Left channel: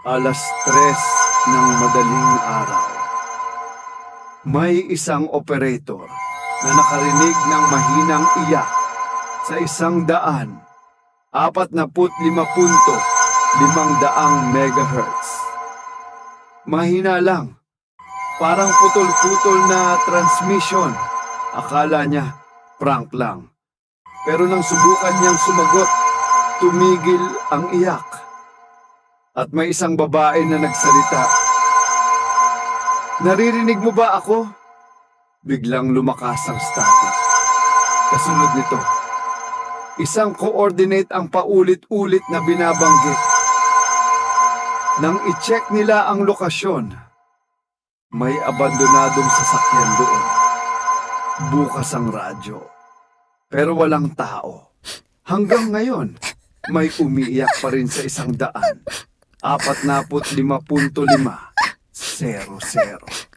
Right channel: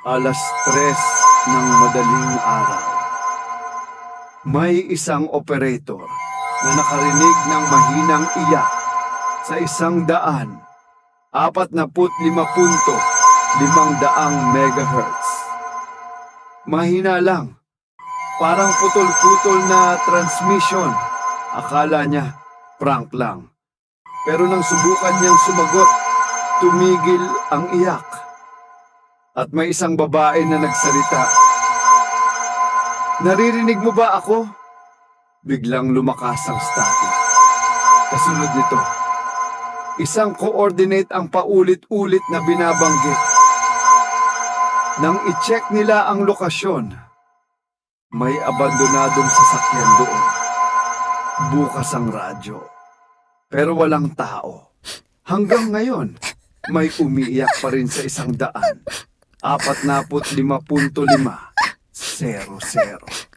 3:00 ng madaling araw. May isang operator na nakarinig ng mahinang iyak sa 145.500 megahertz. Mahina lang, parang putol-putol na transmission. Akala niya prank lang. Pero nang subukan niyang sumagot, tumigil ang iyak. At may isang babae na nagsalita. "Naririnig mo ba ako?" Biglang lumakas ang static. Kasunod nito, isang coordinate ang paulit-ulit na binabanggit. Nang i-check nila ang lokasyon, may abandonadong sasakyan doon. Bukas ang radyo, pero walang tao. Hanggang ngayon, may umiiyak pa rin sa 145.500.